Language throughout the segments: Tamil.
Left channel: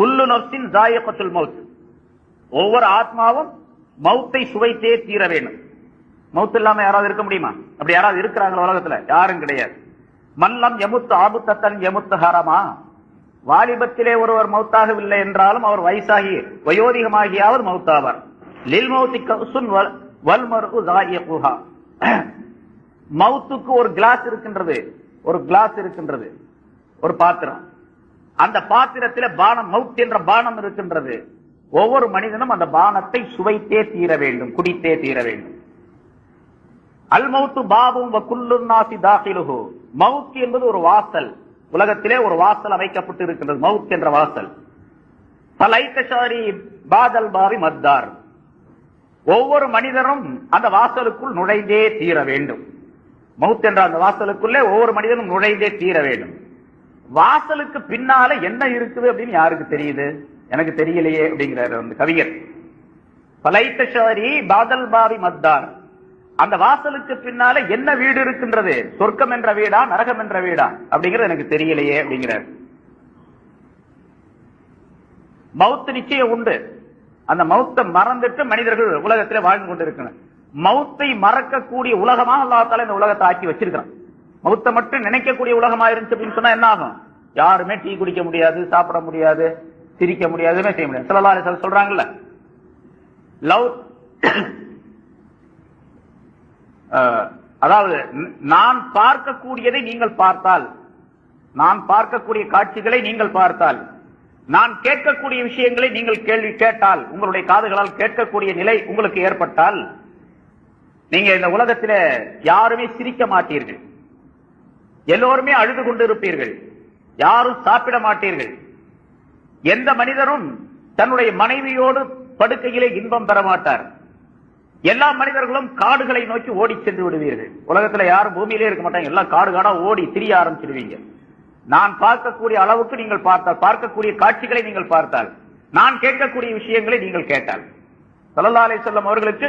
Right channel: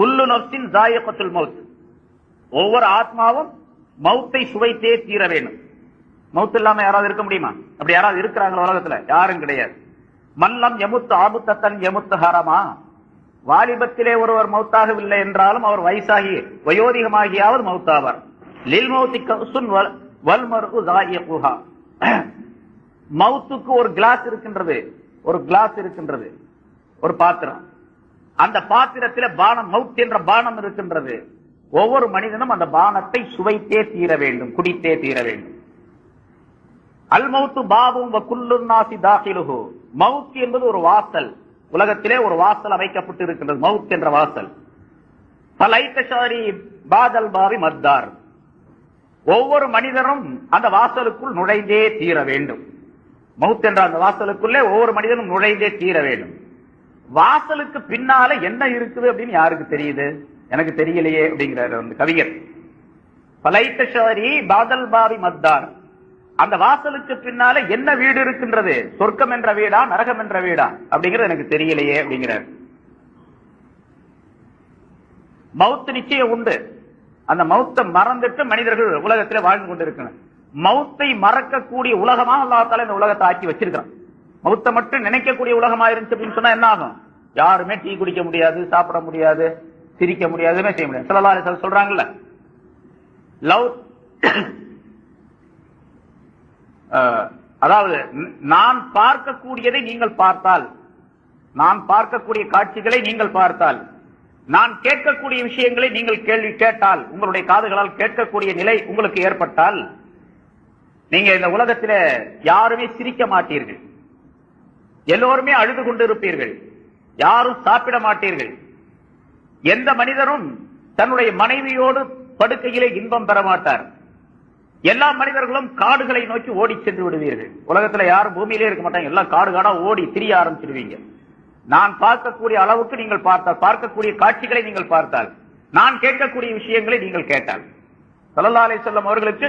குல்லு நப்சின் ஜாயகத்துல் மவுத் ஒவ்வொரு ஆத்மாவும் மௌத்தை சுவைத்தே தீர வேண்டும் மௌத் இல்லாம யாராவது இருக்க முடியுமா அப்படி யாராவது இருக்கிறாங்களோ உலகத்துல யாரும் கிடையாது மல்லம் எமுத்து ஆபுத்தன் எமுத்து ஹாரமா வாலிபத்திலே ஒருவர் மௌத்தாகவில்லை என்றாலும் அவர் வயசாகி வயோதிகமாகியாவது மௌத்தாவார் லில் மௌத்தி கவுசுன் வல் மருகு ஜாயகுஹா மௌத்துக்கு ஒரு கிளாஸ் இருக்கின்றது ஒரு கிளாஸ் இருக்கின்றது ஒரு பாத்திரம் அந்த பாத்திரத்தில பானம் மவுத் என்ற பானம் இருக்கின்றது ஒவ்வொரு மனிதனும் அந்த பானத்தை சுவைத்தே தீர வேண்டும் குடித்தே தீர வேண்டும் அல் மவுத்து பாபும் என்பது ஒரு வாசல் உலகத்திலே ஒரு வாசல் அமைக்கப்பட்டு இருக்கின்றது மவுத் என்ற வாசல் பலைத்தசாரி பாதல் பாரி மத்தார் ஒவ்வொரு மனிதரும் அந்த வாசலுக்குள் நுழைந்தே தீர வேண்டும் மவுத் என்ற அந்த வாசலுக்குள்ளே ஒவ்வொரு மனிதனும் நுழைந்தே தீர வேண்டும் வாசலுக்கு பின்னால என்ன இருக்குது அப்படின்னு யாருக்கு தெரியுது எனக்கு தெரியலையே அப்படிங்கிறாரு அந்த கவிஞர் பலைத்தசாரி பாதல் பாவி மத்தார் அந்த வாசலுக்கு பின்னால என்ன வீடு இருக்கின்றது சொர்க்கம் என்ற வீடா நரகம் என்ற வீடா அப்படிங்கிறது எனக்கு தெரியலையே அப்படிங்கிறார் மவுத்து நிச்சயம் உண்டு அந்த மௌத்தை மறந்துட்டு மனிதர்கள் உலகத்தில் வாழ்ந்து கொண்டிருக்கணும் மௌத்தை மறக்கக்கூடிய உலகமா அல்லாத்தால இந்த உலகத்தை ஆக்கி வச்சிருக்கான் மௌத்த மட்டும் நினைக்கக்கூடிய உலகமா இருந்துச்சு அப்படின்னு சொன்னா என்ன ஆகும் யாருமே டீ குடிக்க முடியாது சாப்பிட முடியாது சிரிக்க முடியாதுன்னு செய்ய முடியாது சிலலா சொல்றாங்கல்ல லவ் அதாவது நான் பார்க்கக்கூடியதை நீங்கள் பார்த்தால் நான் பார்க்கக்கூடிய காட்சிகளை நீங்கள் பார்த்தால் நான் கேட்கக்கூடிய விஷயங்களை நீங்கள் கேள்வி கேட்டால் உங்களுடைய காதுகளால் கேட்கக்கூடிய நிலை உங்களுக்கு ஏற்பட்டால் நீங்க இந்த உலகத்தில் யாருமே சிரிக்க மாட்டீர்கள் எல்லோருமே அழுது கொண்டிருப்பீர்கள் யாரும் சாப்பிட மாட்டீர்கள் எந்த மனிதரும் தன்னுடைய மனைவியோடு படுக்கையிலே இன்பம் பெற மாட்டார் எல்லா மனிதர்களும் காடுகளை நோக்கி ஓடி சென்று விடுவீர்கள் உலகத்துல யாரும் பூமியிலே இருக்க மாட்டாங்க எல்லாம் காடு காடா ஓடி திரிய ஆரம்பிச்சிருவீங்க நான் பார்க்கக்கூடிய அளவுக்கு நீங்கள் பார்த்தால் பார்க்கக்கூடிய காட்சிகளை நீங்கள் பார்த்தால் நான் கேட்கக்கூடிய விஷயங்களை நீங்கள் கேட்டால் சல்லா அலை செல்லம் அவர்களுக்கு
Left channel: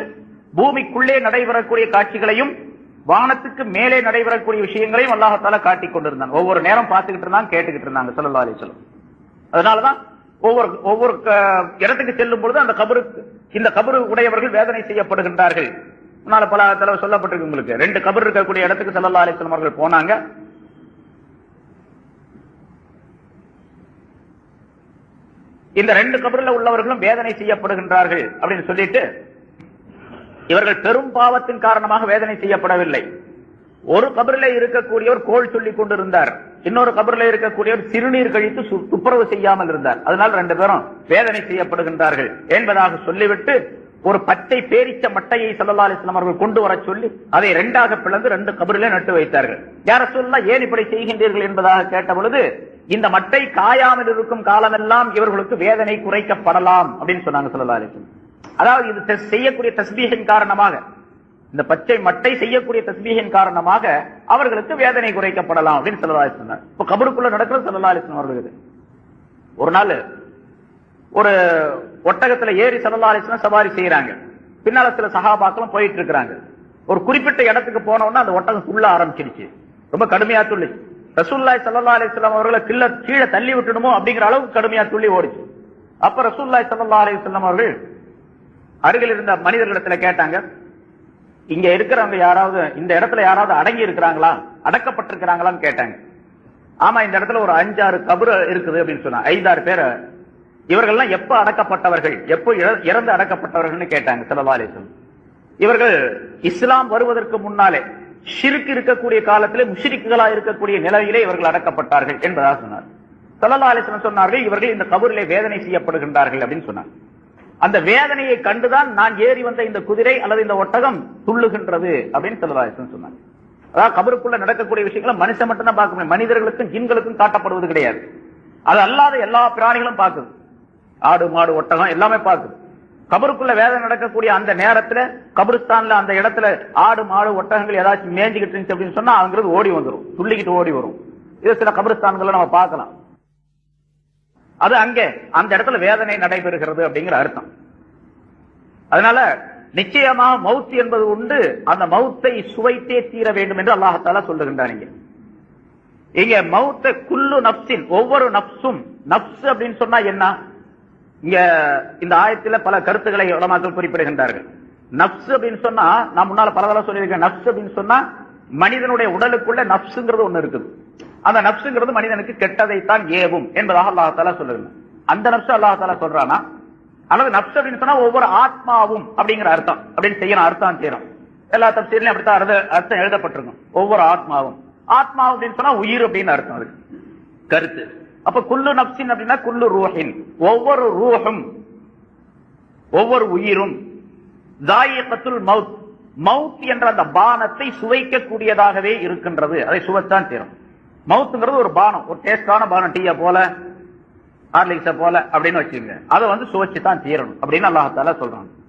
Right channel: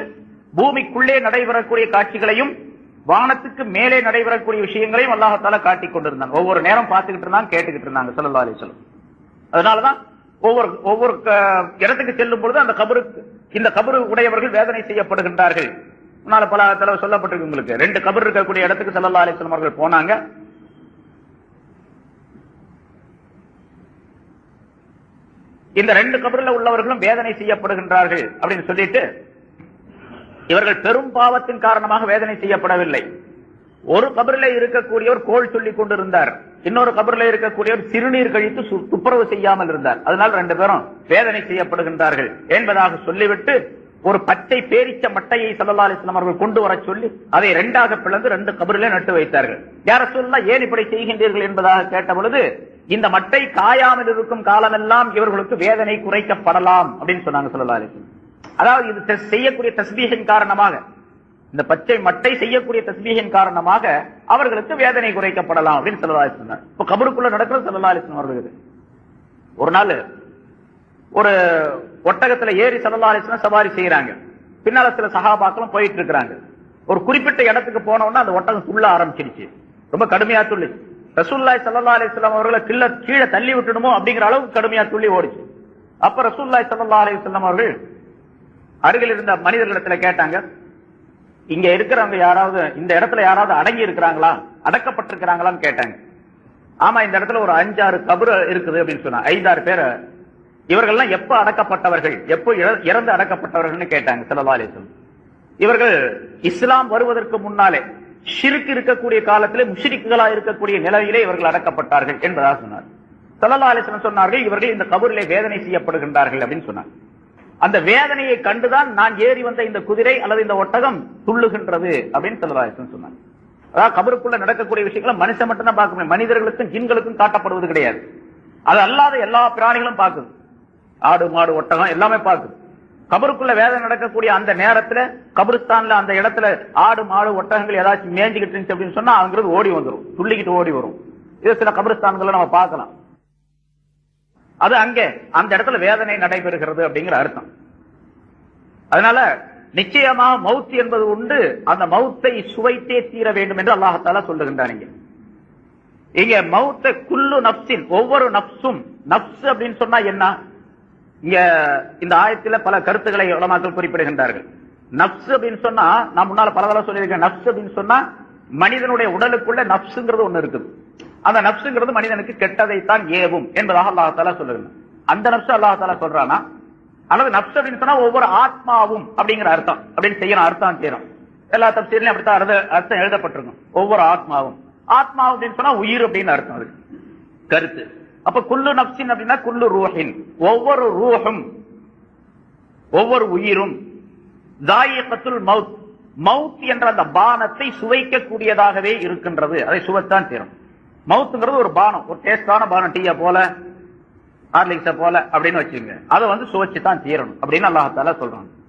பூமிக்குள்ளே நடைபெறக்கூடிய காட்சிகளையும் வானத்துக்கு மேலே நடைபெறக்கூடிய விஷயங்களையும் அல்லாஹால காட்டிக் கொண்டிருந்தாங்க ஒவ்வொரு நேரம் பார்த்துக்கிட்டு இருந்தாங்க கேட்டுக்கிட்டு இருந்தாங்க சல்லா அலிஸ்லம் அதனாலதான் ஒவ்வொரு ஒவ்வொரு இடத்துக்கு செல்லும் பொழுது அந்த கபருக்கு இந்த கபரு உடையவர்கள் வேதனை செய்யப்படுகின்றார்கள் அதனால பல தலைவர் சொல்லப்பட்டிருக்கு உங்களுக்கு ரெண்டு கபர் இருக்கக்கூடிய இடத்துக்கு சல்லா அலிஸ்லம் அவர்கள் போனாங்க இந்த ரெண்டு கபரில் உள்ளவர்களும் வேதனை செய்யப்படுகின்றார்கள் அப்படின்னு சொல்லிட்டு இவர்கள் பெரும் பாவத்தின் காரணமாக வேதனை செய்யப்படவில்லை ஒரு கபரில இருக்கக்கூடியவர் கோல் சொல்லி கொண்டிருந்தார் இன்னொரு கபரில இருக்கக்கூடியவர் சிறுநீர் கழித்து துப்புரவு செய்யாமல் இருந்தார் அதனால் ரெண்டு பேரும் வேதனை செய்யப்படுகின்றார்கள் என்பதாக சொல்லிவிட்டு ஒரு பச்சை பேரிச்ச மட்டையை சல்லா அலிஸ்லாம் அவர்கள் கொண்டு வர சொல்லி அதை இரண்டாக பிளந்து ரெண்டு கபரிலே நட்டு வைத்தார்கள் யார சொல்லா ஏன் இப்படி செய்கின்றீர்கள் என்பதாக கேட்ட பொழுது இந்த மட்டை காயாமல் இருக்கும் காலமெல்லாம் இவர்களுக்கு வேதனை குறைக்கப்படலாம் அப்படின்னு சொன்னாங்க சல்லா அலிஸ்லாம் அதாவது இது செய்யக்கூடிய தஸ்மீகின் காரணமாக இந்த பச்சை மட்டை செய்யக்கூடிய தஸ்மீகின் காரணமாக அவர்களுக்கு வேதனை குறைக்கப்படலாம் அப்படின்னு சொல்லலாம் சொன்னார் இப்ப கபருக்குள்ள நடக்கிறது சொல்லலாம் அவர்களுக்கு ஒரு நாள் ஒரு ஒட்டகத்துல ஏறி சொல்லலா சவாரி செய்யறாங்க பின்னால சில சகாபாக்களும் போயிட்டு இருக்கிறாங்க ஒரு குறிப்பிட்ட இடத்துக்கு போனோம்னா அந்த ஒட்டகம் துள்ள ஆரம்பிச்சிருச்சு ரொம்ப கடுமையா துள்ளி ரசூல்லாய் சல்லா அலிஸ்லாம் அவர்களை கீழே தள்ளி விட்டுடுமோ அப்படிங்கிற அளவுக்கு கடுமையா துள்ளி ஓடிச்சு அப்ப ரசூல்லாய் சல்லா அலிஸ்லாம் அவர்கள் அருகில் இருந்த மனிதர்களிடத்துல கேட்டாங்க இங்க இருக்கிறவங்க யாராவது இந்த இடத்துல யாராவது அடங்கி இருக்கிறாங்களா அடக்கப்பட்டிருக்கிறாங்களான்னு கேட்டாங்க ஆமா இந்த இடத்துல ஒரு அஞ்சாறு கபரு இருக்குது அப்படின்னு சொன்னாங்க ஐந்தாறு பேர் இவர்கள்லாம் எப்ப அடக்கப்பட்டவர்கள் எப்போ இறந்து அடக்கப்பட்டவர்கள்னு கேட்டாங்க சிலவாலேசன் இவர்கள் இஸ்லாம் வருவதற்கு முன்னாலே ஷிருக்கு இருக்கக்கூடிய காலத்திலே முஷிரிக்குகளா இருக்கக்கூடிய நிலையிலே இவர்கள் அடக்கப்பட்டார்கள் என்பதாக சொன்னார் சல்லா சொன்னார்கள் இவர்கள் இந்த கபூரிலே வேதனை செய்யப்படுகின்றார்கள் அப்படின்னு சொன்னார் அந்த வேதனையை கண்டுதான் நான் ஏறி வந்த இந்த குதிரை அல்லது இந்த ஒட்டகம் துள்ளுகின்றது அப்படின்னு செல்வராஜன் சொன்னாங்க அதாவது கபருக்குள்ள நடக்கக்கூடிய விஷயங்களை மனுஷன் மட்டும் பார்க்க பார்க்கணும் மனிதர்களுக்கும் ஜின்களுக்கும் காட்டப்படுவது கிடையாது அது அல்லாத எல்லா பிராணிகளும் பார்க்குது ஆடு மாடு ஒட்டகம் எல்லாமே பார்க்குது கபருக்குள்ள வேதனை நடக்கக்கூடிய அந்த நேரத்துல கபருஸ்தான்ல அந்த இடத்துல ஆடு மாடு ஒட்டகங்கள் ஏதாச்சும் மேஞ்சுக்கிட்டு இருந்துச்சு அப்படின்னு சொன்னா அவங்களுக்கு ஓடி வந்துடும் துள்ளிக்கிட்டு ஓடி வரும் இது சில கபருஸ்தான்களை நம்ம பார்க்கலாம் அது அங்கே அந்த இடத்துல வேதனை நடைபெறுகிறது அப்படிங்கிற அர்த்தம் அதனால நிச்சயமா மவுத் என்பது உண்டு அந்த மவுத்தை சுவைத்தே தீர வேண்டும் என்று அல்லாஹால சொல்லுகின்றான் இங்க இங்க மவுத்த குல்லு நப்சின் ஒவ்வொரு நப்சும் நப்சு அப்படின்னு சொன்னா என்ன இங்க இந்த ஆயத்தில பல கருத்துக்களை உலமாக்கள் குறிப்பிடுகின்றார்கள் நப்சு அப்படின்னு சொன்னா நான் முன்னால பல தடவை சொல்லியிருக்கேன் நப்சு அப்படின்னு சொன்னா மனிதனுடைய உடலுக்குள்ள நப்சுங்கிறது ஒண்ணு இருக்குது அந்த நப்சுங்கிறது மனிதனுக்கு கெட்டதைத்தான் ஏவும் என்பதாக அல்லாஹால சொல்லுங்க அந்த நப்சு அல்லாஹால சொல்றானா அல்லது நப்சு அப்படின்னு சொன்னா ஒவ்வொரு ஆத்மாவும் அப்படிங்கிற அர்த்தம் அப்படின்னு செய்யணும் அர்த்தம் செய்யணும் எல்லா தப்சீர்லயும் அப்படித்தான் அர்த்தம் எழுதப்பட்டிருக்கும் ஒவ்வொரு ஆத்மாவும் ஆத்மா அப்படின்னு சொன்னா உயிர் அப்படின்னு அர்த்தம் அதுக்கு கருத்து அப்ப குல்லு நப்சின் அப்படின்னா குல்லு ரூஹின் ஒவ்வொரு ரூஹும் ஒவ்வொரு உயிரும் தாயகத்துல் மவுத் மவுத் என்ற அந்த பானத்தை சுவைக்கக்கூடியதாகவே இருக்கின்றது அதை சுவைத்தான் தேரும் மவுத்துங்கிறது ஒரு பானம் ஒரு டேஸ்டான பானம் டீயை போல ஹார்லிக்ஸை போல அப்படின்னு வச்சுக்கோங்க அதை வந்து சுவைச்சு தான் தீரணும் அப்படின்னு அல்லாஹால சொல்றாங்க